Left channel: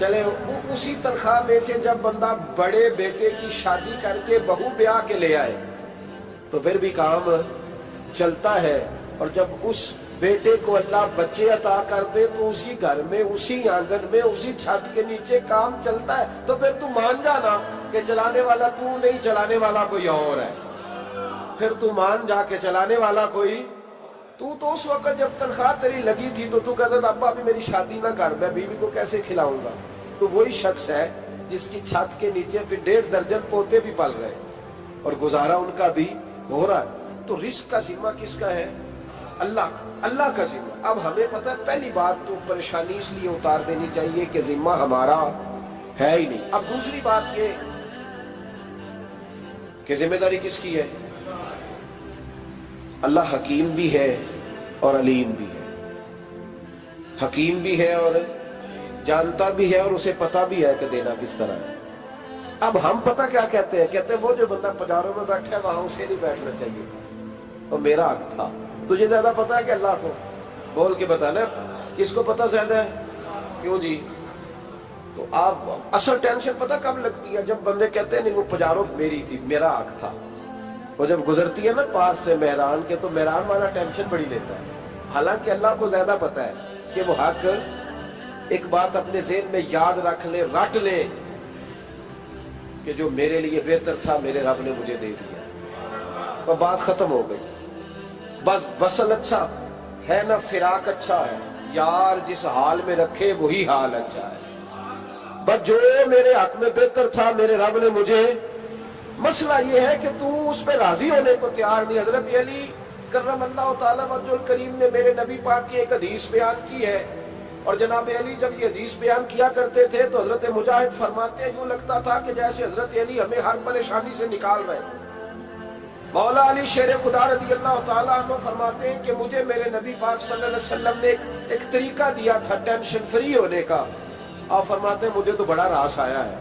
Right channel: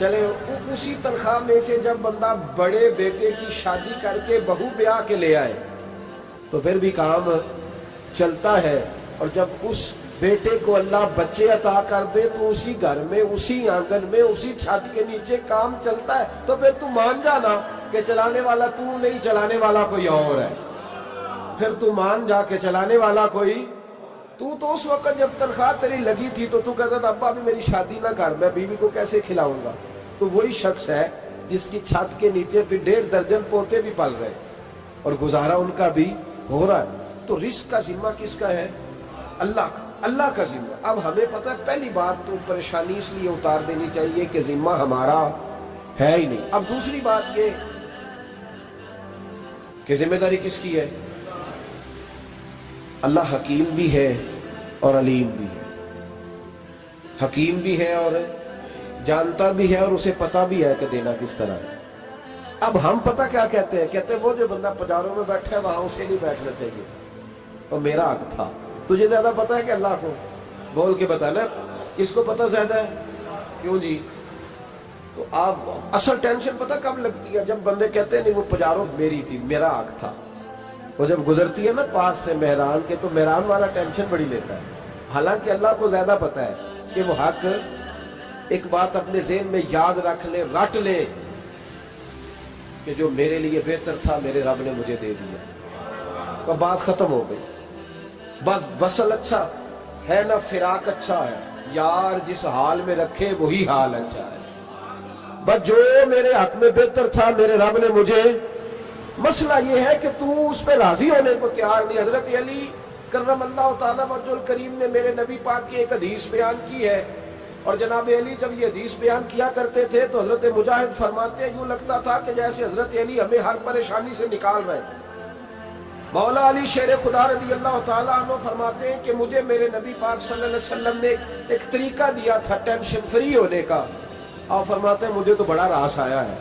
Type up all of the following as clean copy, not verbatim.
چلے اسی تنخواہ میں سے جب بندہ بڑے بیٹے کی شادی کر کے بہو بیاہ کے لے آئے تو پھر بھی کام چلتا ہے، اور جب اس بیٹے کو اللہ بچے عطا کر دے تو اسی گھر میں، اسی آنگن میں، اسی چھت کے نیچے کام چلتا ہے۔ تو پھر تو مان جانا کہ چلانے والا تو نہیں، چلانے والا کوئی اور ہے۔ پھر تو مان جا کے چلانے والا کوئی تو اس وقت جب تنخواہ تیری لگی تھی تو کہتا تھا ابا ابھی میری شادی نہ کر، میں بیوی کو کیسے کھلاؤں گا؟ تو وہی شخص ہے جس کی چھت کے نیچے پھر 1.5 درجن پوتے بھی پل رہے اور گزارا ان کا بھی ہو رہا ہے۔ تو رزق کا ذمہ کس کا ہے؟ اللہ کا، اللہ کا ذمہ۔ اب ہمیں پتہ ہے پہلی بات تو پریشانی اس لیے اتار دینی چاہیے کہ ذمہ ہمارا ہے ہی نہیں۔ اب دوسری بات یہ کہ ذمہ داری کس کی ہے؟ اللہ حکیم بھی ہے اور علیم بھی ہے، حکیم بھی ہے اور جانتا بھی ہے اور اسے پتہ بھی ہے کہ دینا کس طرح ہے۔ اب ہم پتہ کیا کہتے ہیں؟ کہتے ہیں وہ جو بندہ پجاروں میں بیٹھا ہے وہاں اسے نہیں بیٹھنا چاہیے تھا، اور میرا حق تھا۔ تجھے زیادہ پتہ ہے کہ اللہ کو؟ بول کے بتانا کس کو پتہ زیادہ ہے؟ کیوں جی؟ تو آپ اصل ٹینشن پتہ کب لگتی ہے؟ جب بندے کہتے ہیں نہیں وہ پجاروں میری تھی، میرا حق تھا۔ وہ جب گزرتی ہے نا پاس سے مہران کے تو مہران والا ٹینشن بڑی لیتا ہے، حالانکہ اللہ کو زیادہ پتہ ہے کہ وہ حق۔ ایک بات اپنے ذہن میں یاد رکھ لیں، رٹ لیں کہ جو میرے لیے بہتر تھا میرے رب نے مجھے دے دیا، تو بات ختم ہو گئی۔ بس وصل اچھا ہے نہ فراق اچھا ہے، یار جس حال میں رکھے وہی حال اچھا ہے۔ بس جو میرے حق میں بہتر تھا میرے رب نے مجھے، مسئلہ یہ ہے کہ تو اس پہ راضی ہونے کو تیار نہیں۔ حضرت علی کرم اللہ تعالیٰ وجہ الکریم نے میرے نبی پاک کی ایک حدیث بیان کی ہے، اور جناب علی جب یہ حدیث بیان کیا کرتے تھے تو حضرت مجاہد فرماتے ہیں یوں لگتا تھا کہ جیسے حضرت علی ہمیں ہر پریشانی سے نکال رہے ہیں۔ مولا علی شیر خدا رضی اللہ تعالیٰ عنہ فرماتے ہیں کہ مجھے میرے نبی پاک صلی اللہ علیہ وسلم نے ایک طریقہ دیا تھا ٹینشن فری ہونے کا۔ آپ فرماتے ہیں مجھے تو بڑا راس آیا ہے،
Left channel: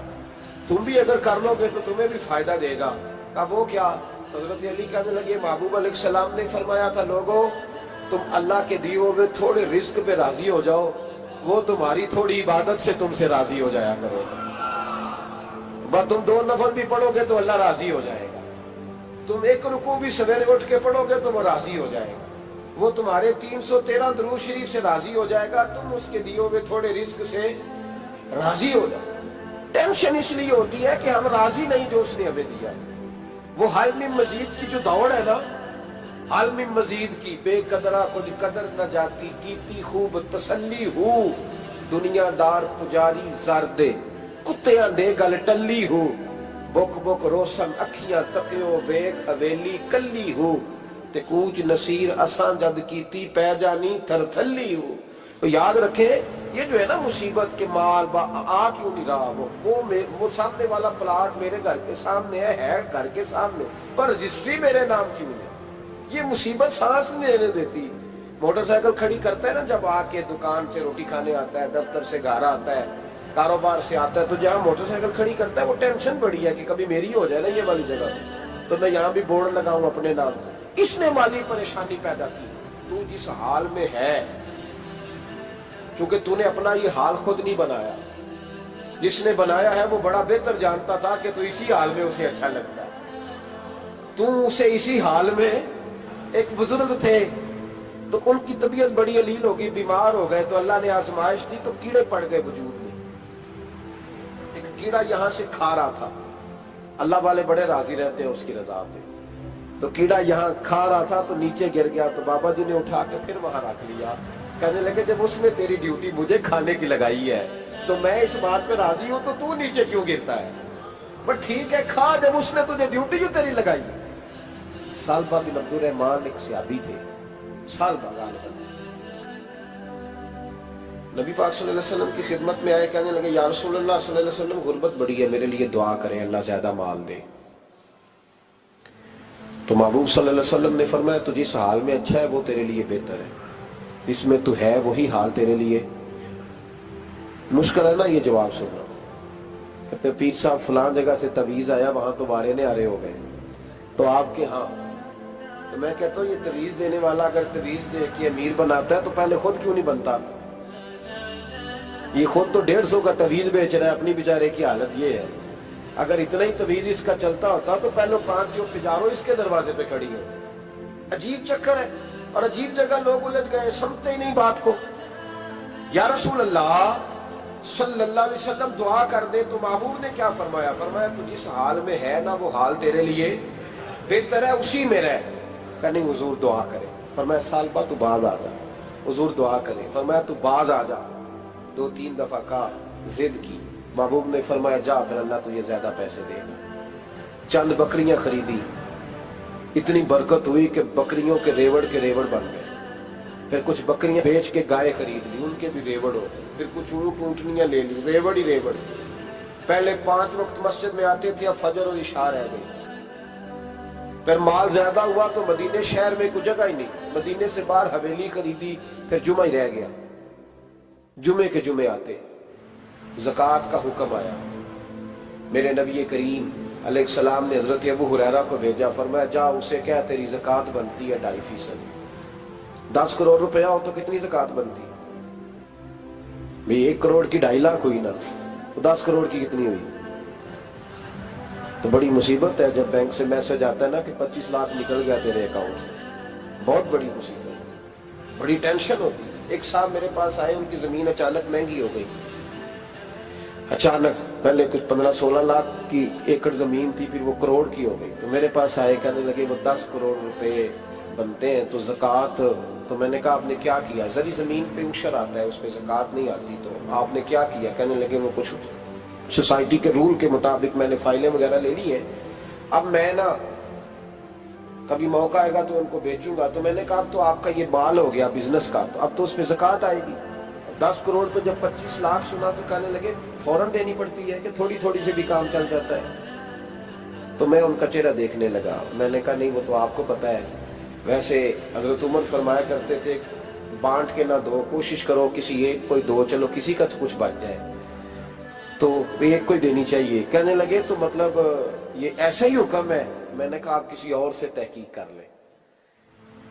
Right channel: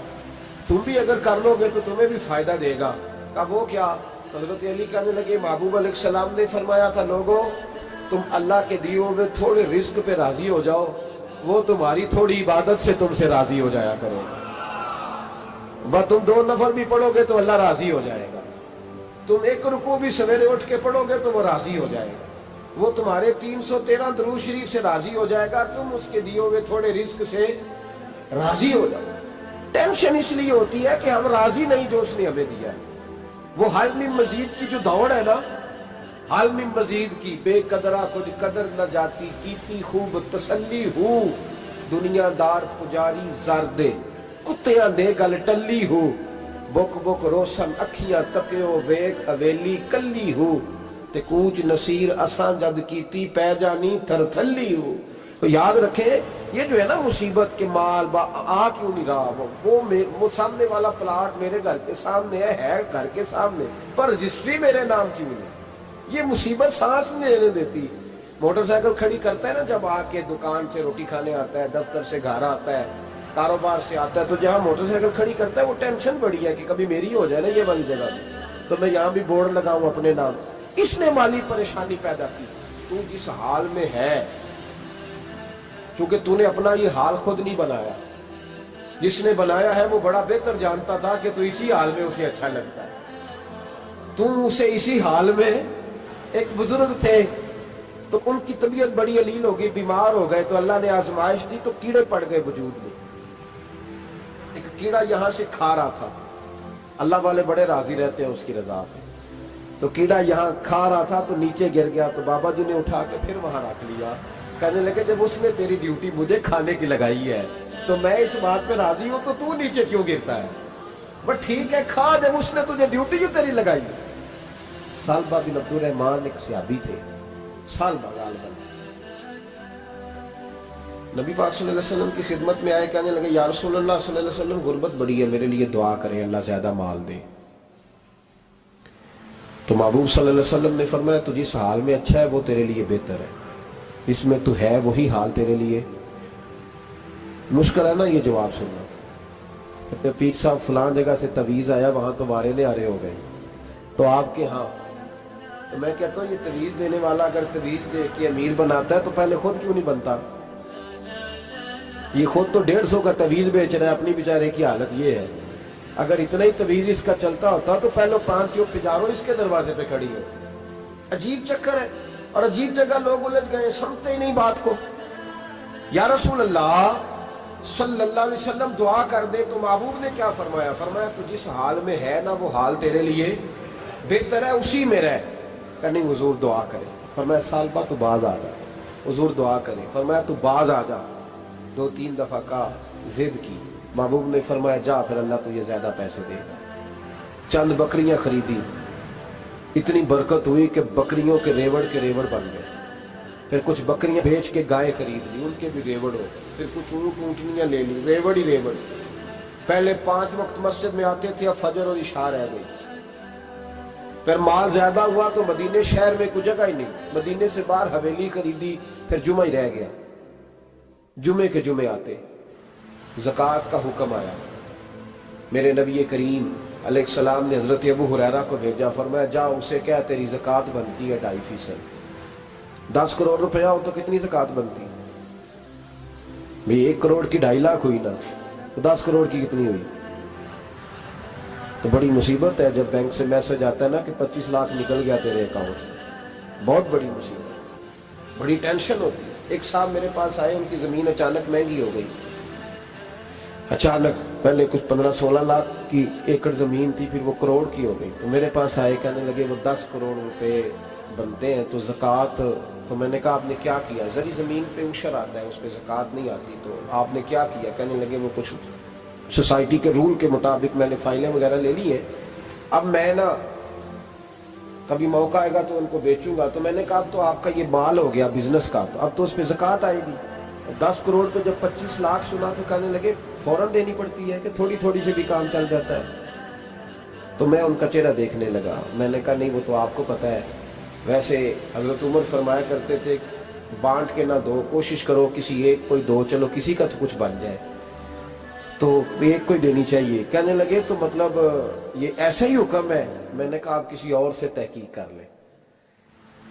تم بھی اگر کر لو گے تو تمہیں بھی فائدہ دے گا۔ کہا وہ کیا؟ حضرت علی کہنے لگے محبوب علیہ السلام نے فرمایا تھا لوگوں تم اللہ کے دیے ہوئے تھوڑے رزق پہ راضی ہو جاؤ، وہ تمہاری تھوڑی عبادت سے تم سے راضی ہو جایا کرے گا۔ بس تم 2 نفل بھی پڑھو گے تو اللہ راضی ہو جائے گا، تم 1 رکوع بھی سویرے اٹھ کے پڑھو گے تو وہ راضی ہو جائے گا، وہ تمہارے 313 درود شریف سے راضی ہو جائے گا، تم اس کے دیے ہوئے تھوڑے رزق سے راضی ہو جاؤ۔ ٹینشن اس لیے ہوتی ہے کہ ہم راضی نہیں جو اس نے ہمیں دیا ہے۔ وہ حال میں مزید کی جو دوڑ ہے نا، حال میں مزید کی، بے قدرہ کچھ قدر نہ جاتی، کیتی خوب تسلی ہو، دنیا دار پجاری زردے کتیاں دے گل ٹلی ہو، بک بک روشن اکھیاں تکیو ویک حویلی کلی ہو، تے کوچ نصیر اساں جد کیتی پہ جانی تھر تھلی ہو۔ تو یاد رکھیں یہ جو ہے نا مصیبت کے مال آ کیوں نہیں رہا، وہ سامنے والا پلاٹ میرے گھر کے سامنے ہے گھر کے سامنے، پر رجسٹری میرے نام کیوں نہیں؟ یہ مصیبت سانس نہیں لینے دیتی۔ موٹر سائیکل کھڑی کرتا ہے نا جب آ کے دکان سے روٹی کھانے آتا ہے، دفتر سے گھر آتا ہے، کاروبار سے آتا ہے، تو جہاں موٹر سائیکل کھڑی کرتا ہے وہ ٹینشن بڑی ہے کہ کبھی میری ہو جائے نا یہ والی جگہ، تو میں یہاں بھی بورڈ لگاؤں اپنے نام۔ اس نے مالی پریشانی پیدا کی۔ تو جس حال میں ہے، کیونکہ تو نے اپنا یہ حال خود نہیں بنایا، جس نے بنایا ہے وہ بڑا بہتر جانتا تھا کہ تو اسی حال میں اسے اچھا لگتا ہے۔ تو اسے اسی حال میں، ایک بزرگ تھے تو ان کی طبیعت بڑی علیل ہو گئی، بیمار ہو گئے، تو اللہ نے آزمائش دی تو کیڑے پڑ گئے وجود میں۔ ایک کیڑا یہاں سے کھا رہا تھا، اللہ والے بڑے راضی رہتے ہیں اس کی رضا پہ، تو کیڑا یہاں کھا رہا تھا تو نیچے گر گیا، تو بابا جی نے اٹھا کے پھر وہاں رکھ لیا، کہنے لگے جب اس نے تیری ڈیوٹی مجھے کھانے کی لگائی ہے تو میں اس بات پہ راضی ہوں، تو نیچے کیوں گرتا ہے؟ بٹ ٹھیک ہے کھا، جب اس نے تجھے ڈیوٹی جو تیری لگائی۔ سالبہ بن عبد الرحمن ایک صحابی تھے، سالبہ غالباً نبی پاک صلی اللہ علیہ وسلم کی خدمت میں آئے، کہنے لگے یا رسول اللہ صلی اللہ علیہ وسلم غربت بڑی ہے، میرے لیے دعا کریں اللہ زیادہ مال دے۔ تو محبوب صلی اللہ علیہ وسلم نے فرمایا تو جس حال میں اچھا ہے وہ تیرے لیے بہتر ہے، اس میں تو ہے وہی حال تیرے لیے۔ مشکل ہے نا یہ جواب سننا۔ کہتے پیر صاحب فلان جگہ سے تویز آیا، وہاں تو وارے نے آرے ہو گئے، تو آپ کے ہاں؟ تو میں کہتا ہوں یہ تویز دینے والا اگر تویز دے کے امیر بناتا ہے تو پہلے خود کیوں نہیں بنتا؟ یہ خود تو 150 کا تویز بیچ رہا ہے، اپنی بیچارے کی حالت یہ ہے۔ اگر اتنا ہی تویز اس کا چلتا ہوتا تو پہلے 5 ٹیوب پجارو اس کے دروازے پہ کھڑی ہو۔ عجیب چکر ہے اور عجیب جگہ لوگ الجھ گئے، سمجھتے ہی نہیں بات کو۔ یا رسول اللہ صلی اللہ علیہ وسلم دعا کر دے تو محبوب نے کیا فرمایا؟ فرمایا تو جس حال میں ہے نا وہ حال تیرے لیے بہتر ہے، اسی میں رہ۔ کہ نہیں حضور دعا کرے۔ فرمایا سال بعد تو باز آ جا۔ حضور دعا کرے۔ فرمایا تو باز آ جا۔ 2-3 دفعہ کا ضد کی، محبوب نے فرمایا جا پھر اللہ تجھے زیادہ پیسے دے گا۔ چند بکریاں خریدی، اتنی برکت ہوئی کہ بکریوں کے ریوڑ بن گئے۔ پھر کچھ بکریاں بیچ کے گائے خرید لی، ان کے بھی ریوڑ ہو گئے۔ پھر کچھ اونٹنیاں لے لی، ریوڑ ہی ریوڑ۔ پہلے 5 وقت مسجد میں آتے تھے، اب فجر اور عشاء رہ گئی۔ پھر مال زیادہ ہوا تو مدینے شہر میں کوئی جگہ ہی نہیں، مدینے سے باہر حویلی خریدی، پھر جمعہ ہی رہ گیا۔ جمعے کے جمعے آتے، زکوٰۃ کا حکم آیا۔ میرے نبی کریم علیہ السلام نے حضرت ابو ہریرہ کو بھیجا، فرمایا جا اسے کہہ تیری زکوٰۃ بنتی ہے 2.5%۔ 10 کروڑ روپیہ ہو تو کتنی زکوٰۃ بنتی؟ بھئی 1 کروڑ کی 2.5 لاکھ ہوئی نا، تو 10 کروڑ کی کتنی ہوئی؟ تو بڑی مصیبت ہے جب بینک سے میسج آتا ہے نا کہ 25 لاکھ نکل گیا تیرے اکاؤنٹ سے، بہت بڑی مصیبت، بڑی ٹینشن ہوتی ہے۔ ایک صاحب میرے پاس آئے، ان کی زمین اچانک مہنگی ہو گئی، اچانک پہلے کچھ 15-16 لاکھ کی ایکڑ زمین تھی، پھر وہ کروڑ کی ہو گئی۔ تو میرے پاس آئے، کہنے لگے وہ 10 کروڑ روپے بنتے ہیں تو زکوٰۃ، تو میں نے کہا آپ نے کیا کیا؟ زری زمین پہ عشر آتا ہے، اس پہ زکوٰۃ نہیں آتی، تو آپ نے کیا کیا؟ کہنے لگے وہ کچھ سوسائٹی کے رول کے مطابق میں نے فائلیں وغیرہ لے لی ہیں، اب میں نا کبھی موقع آئے گا تو ان کو بیچوں گا۔ تو میں نے کہا اب تو آپ کا یہ مال ہو گیا بزنس کا، تو اب تو اس پہ زکوٰۃ آئے گی۔ 10 کروڑ پہ جب 25 لاکھ سنا تو کہنے لگے فوراً دینی پڑتی ہے کہ تھوڑی تھوڑی سے بھی کام چل جاتا ہے؟ تو میں ان کا چہرہ دیکھنے لگا، میں نے کہا نہیں وہ تو آپ کو پتہ ہے، ویسے حضرت عمر فرمایا کرتے تھے بانٹ کے نہ دو، کوشش کرو کسی ایک کو دو، چلو کسی کا تو کچھ بن جائے، تو ایک کو دینی چاہیے۔ کہنے لگے تو مطلب یہ ایسا ہی حکم ہے؟ میں نے کہا آپ کسی اور سے تحقیق کر لیں۔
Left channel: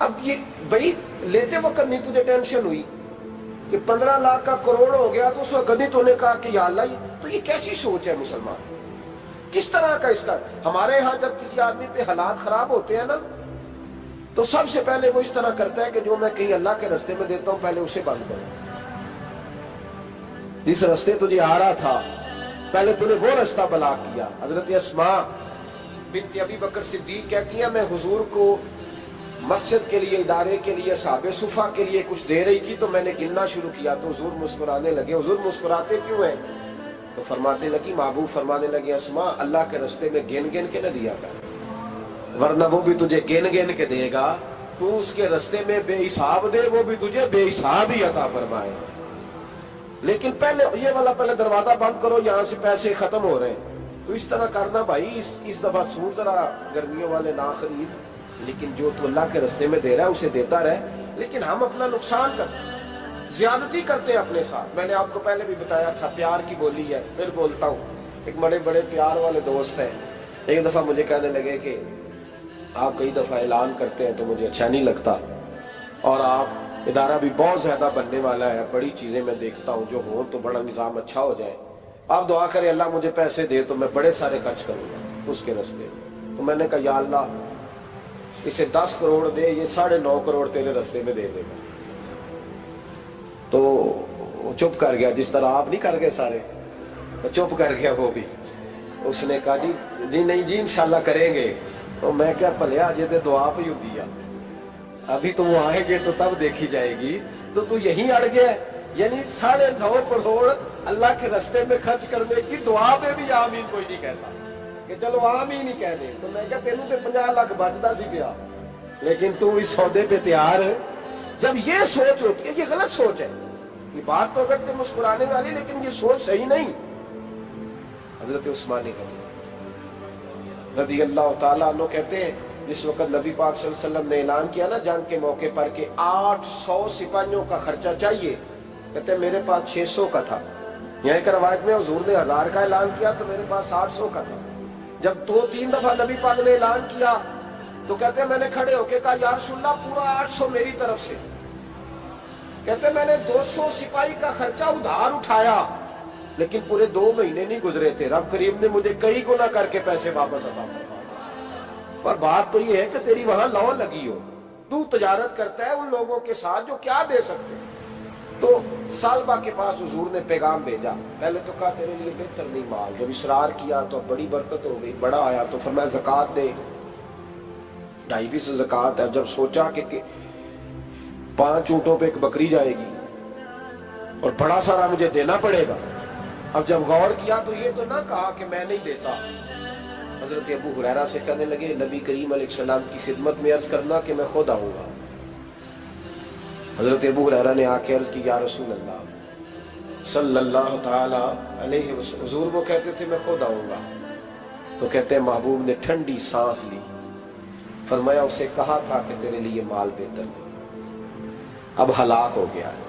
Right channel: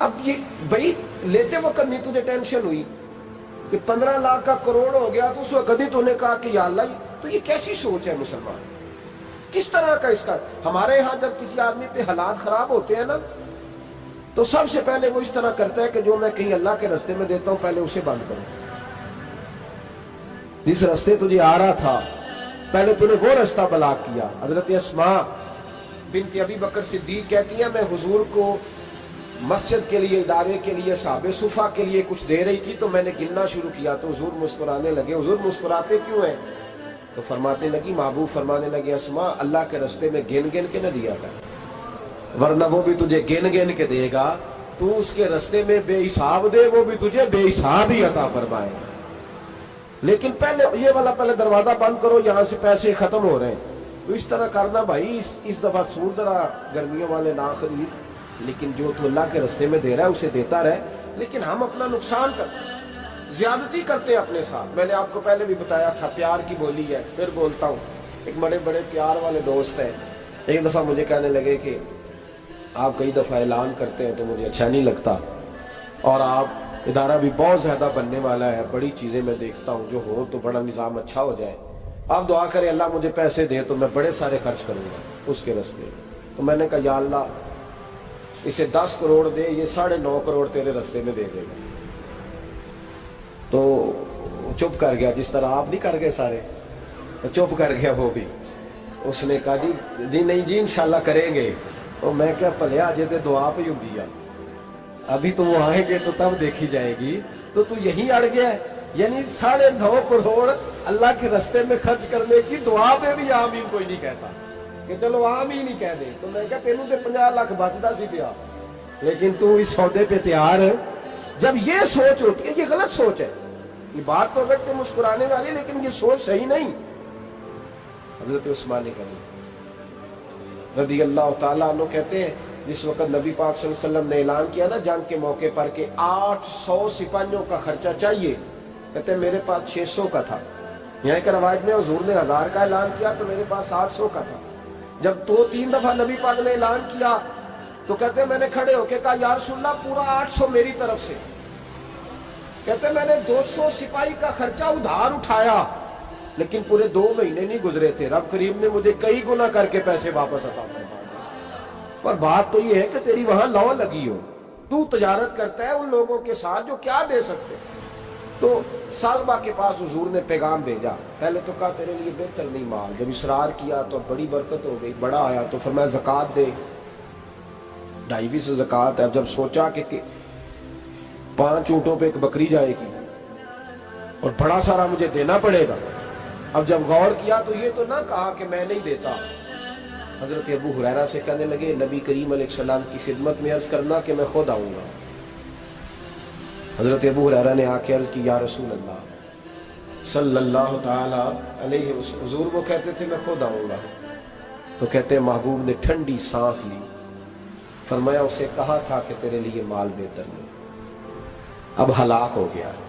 اب یہ بھائی لیتے وقت نہیں تجھے ٹینشن ہوئی کہ 15 لاکھ کا کروڑ ہو گیا، تو اس وقت نہیں تو نے کہا کہ یا اللہ، تو یہ کیسی سوچ ہے مسلمان؟ کس طرح کا اس کا؟ ہمارے ہاں جب کسی آدمی پہ حالات خراب ہوتے ہیں نا، تو سب سے پہلے وہ اس طرح کرتا ہے کہ جو میں کہیں اللہ کے رستے میں دیتا ہوں پہلے اسے بند کروں۔ جس رستے تجھے آ رہا تھا پہلے تو نے وہ رستہ بلاک کیا۔ حضرت اسماء بنت ابی بکر صدیق کہتی ہیں میں حضور کو مسجد کے لیے، ادارے کے لیے، صحابہ صفہ کے لیے کچھ دے رہی تھی، تو میں نے گننا شروع کیا تو حضور مسکرانے لگے۔ حضور مسکراتے کیوں ہیں؟ تو فرمانے لگی، محبوب فرمانے لگے اسماء اللہ کے رستے میں گن گن کے نہ دیا کر، ورنہ وہ بھی تجھے گن گن کے دے گا، تو اس کے رستے میں بے حساب دے، وہ بھی تجھے بے حساب ہی عطا فرمائے گا۔ لیکن پہلے یہ والا پہلے دروازہ بند کرو، یہاں سے پیسے ختم ہو رہے ہیں، تو اس طرح کرنا بھائی۔ اس دفعہ سوٹ ذرا گرمیوں والے نہ خرید، لیکن جو تو اللہ کے رستے میں دے رہا ہے اسے دیتا رہے۔ لیکن ہم اپنا نقصان کرتے ہیں، زیادتی کرتے ہیں اپنے ساتھ۔ میں نے آپ کو پہلے بھی بتایا تھا پیار کی بولی ہے، پھر بولتا ہوں۔ ایک بڑے بڑے پیار والے دوست ہیں، ایک دفعہ مجھے کہنے لگے کہ آپ کئی دفعہ اعلان کرتے ہیں تو مجھے اچھا نہیں لگتا، اور آپ ادارہ بھی بہت زیادہ بننے والا ہے، بڑی چیزیں میں دیکھتا ہوں جو ہوں تو بڑا نظام اچھا ہو جائے، آپ دعا کریں اللہ مجھے پیسے دے تو میں بڑے سارے خرچ کروں گا اس کے رستے۔ تو میں نے کہا یا اللہ اسے 10 کروڑ دے، یہ 9.5 کروڑ تیرے رستے میں دے دے گا۔ تو چپ کر گیا، جس طرح آپ نہیں کر گئے سارے، چپ کر گیا وہ بھی۔ اس نے کہا جی نہیں جی انشاءاللہ کریں گے۔ تو میں کیا پلیا جی تے دعا پہ ہوں دیا، ابھی تو وہ آئیں گے تو تب دیکھی جائے گی، تو تو یہیں اڑ گیا ہے۔ یعنی 9.5 کروڑ اللہ کے رستے میں خرچ کرنے کی دعا پہ بھی آمین کوئی نہیں کہتا کہ چلو آمین ہی کہہ دیں۔ تو میں کہا تینوں تے 50 لاکھ بچتا سی پیا، لیکن تو اس سودے پہ تیار ہے۔ جب یہ سوچ ہوتی ہے، یہ غلط سوچ ہے، یہ بات تو اگر تے مسکرانے والی، لیکن یہ سوچ صحیح نہیں۔ حضرت عثمان غنی رضی اللہ تعالیٰ عنہ کہتے ہیں جس وقت نبی پاک صلی اللہ علیہ وسلم نے اعلان کیا نا جنگ کے موقع پر کہ 800 سپاہیوں کا خرچہ چاہیے، کہتے ہیں میرے پاس 600 کا تھا۔ یہاں ایک روایت میں حضور نے 1000 کا اعلان کیا تو میرے پاس 800 کا تھا۔ جب 2-3 دفعہ نبی پاک نے اعلان کیا تو کہتے ہیں میں نے کھڑے ہو کے کہا یا رسول اللہ پورا 800 میری طرف سے۔ کہتے میں نے 200 سپاہی کا خرچہ ادھار اٹھایا لیکن پورے 2 مہینے نہیں گزرے تھے، رب کریم نے مجھے کئی گنا کر کے پیسے واپس عطا فرما دیے۔ پر بات تو یہ ہے کہ تیری وہاں لو لگی ہو، تو تجارت کرتا ہے ان لوگوں کے ساتھ جو کیا دے سکتے۔ تو سالبہ کے پاس حضور نے پیغام بھیجا، پہلے تو کہا تیرے لیے بہتر نہیں مال، جب اصرار کیا تو بڑی برکت ہو گئی، بڑا آیا تو فرمایا زکوٰۃ دے، 2.5 زکوٰۃ ہے۔ اب جب سوچا کہ 5 اونٹوں پہ ایک بکری جائے گی اور بڑا سارا مجھے دینا پڑے گا، اب جب غور کیا تو یہ تو نہ کہا کہ میں نہیں دیتا۔ حضرت ابو ہریرہ سے کہنے لگے نبی کریم علیہ السلام کی خدمت میں عرض کرنا کہ میں خود آؤں گا۔ حضرت ابو ہریرہ نے آ کے عرض کی یا رسول اللہ صلی اللہ تعالی علیہ وسلم، حضور وہ کہتے تھے میں خود آؤں گا، تو کہتے ہیں محبوب نے ٹھنڈی سانس لی، فرمایا اسے کہا تھا کہ تیرے لیے مال بہتر نہیں، اب ہلاک ہو گیا ہے،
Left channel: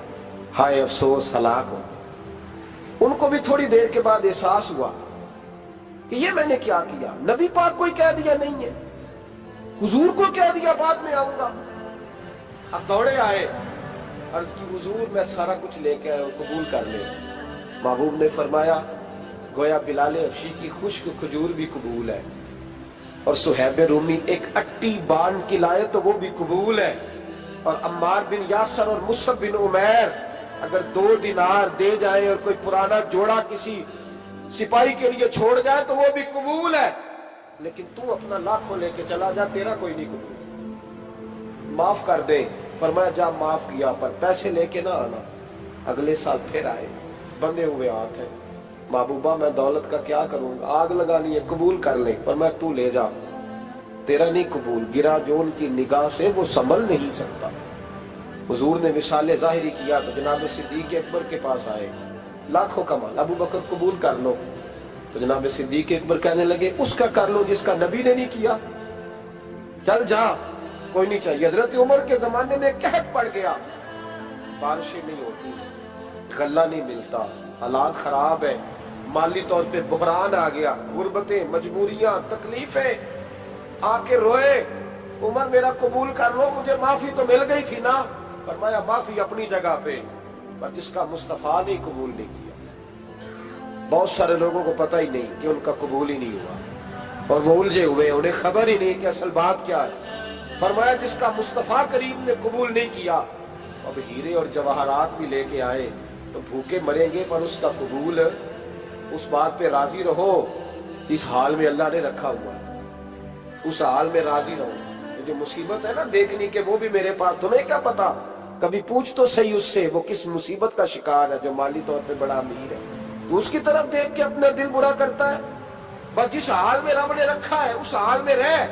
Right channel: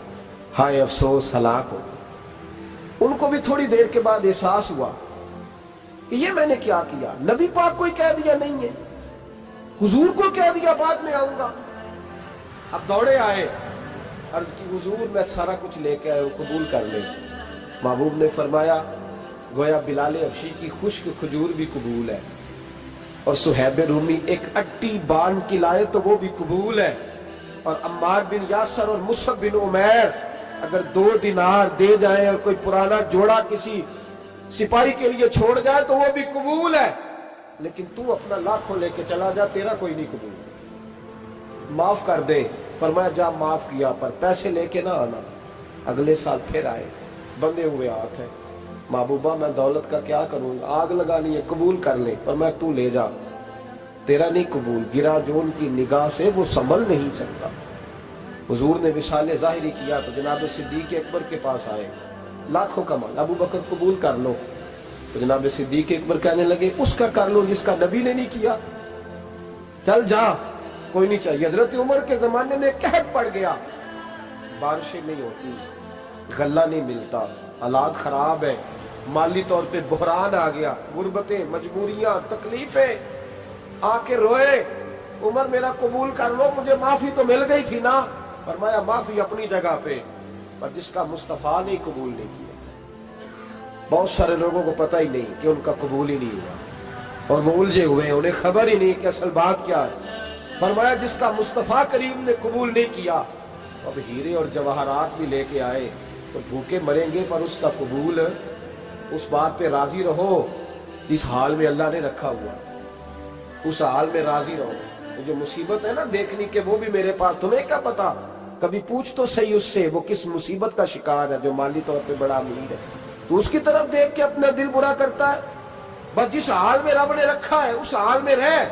ہائے افسوس ہلاک ہو گیا۔ ان کو بھی تھوڑی دیر کے بعد احساس ہوا کہ یہ میں نے کیا کیا، نبی پاک کو ہی کہہ دیا نہیں ہے، حضور کو کہہ دیا بعد میں آؤں گا۔ اب دوڑے آئے، عرض کی حضور میں سارا کچھ لے کے آئے ہوں، قبول کر لیں۔ محبوب نے فرمایا گویا بلال حبشی کی خشک کھجور بھی قبول ہے، اور صہیب رومی ایک اٹی بان کی لائے تو وہ بھی قبول ہے، اور عمار بن یاسر اور مصعب بن عمیر اگر 2 دینار دے جائیں اور کوئی پرانا جوڑا کسی سپاہی کے لیے چھوڑ جائے تو وہ بھی قبول ہے، لیکن تو اپنا لاکھوں لے کے چلا جا، تیرا کوئی نہیں قبول، معاف کر دیں۔ فرمایا جا معاف کیا، پر پیسے لے کے نہ آنا۔ اگلے سال پھر آئے، بندے ہوئے ہاتھ ہیں، محبوبہ میں دولت کا کیا کروں گا، آگ لگانی ہے، قبول کر لیں۔ فرمایا تو لے جا، تیرا نہیں قبول، گرا جو ان کی نگاہ سے وہ سنبھل نہیں سکتا۔ حضور نے وصال ظاہری کیا تو جناب صدیق اکبر کے پاس آئے، لاکھوں کا مال، ابو بکر قبول کر لو، تو جناب صدیق اکبر کہنے لگے اس کا کر لو جس کا نبی نے نہیں کیا، چل جا کوئی نہیں چاہیے۔ حضرت عمر کے زمانے میں قحط پڑ گیا، بارشیں نہیں ہوتی، غلہ نہیں ملتا، حالات خراب ہے، مالی طور پہ بحران آ گیا، غربتیں، مجبوریاں، تکلیفیں، آ کے روئے، عمر میرا قبول کر لو، مجھے معافی تو مل گئی تھی نا۔ فرمایا معافی اپنی جگہ پہ، پر جس کا مصطفیٰ نے قبول نہیں کیا۔ بہت سارے لوگوں کو پتہ ہی نہیں کہ ان کا قبول ہی نہیں ہوا، اور وہ الجھے ہوئے، انہیں خبر ہی نہیں کہ اصل بات کیا ہے۔ فرمایا جس کا مصطفیٰ کریم نے قبول نہیں کیا، اب ہیرے اور جواہرات بھی لے کے آئے تو بھوکے مریں گے، پر اس کا قبول، اس بات پہ راضی رہو، اس حال میں اللہ نے رکھا ہوا، اس حال میں راضی رہو۔ جو مصیبت ہے نا دیکھنی کہ وہ بھی میرے پاس، تمہیں کیا پتا، کبھی پوچھ تو صحیح اس سے وہ کس مصیبت کا شکار ہے، جو مالی طور پہ بڑا امیر ہے، تو اس کی طرف دیکھ کے اپنا دل برا کرتا ہے۔ بس جس حال میں رب نے رکھا ہے اس حال میں رہ،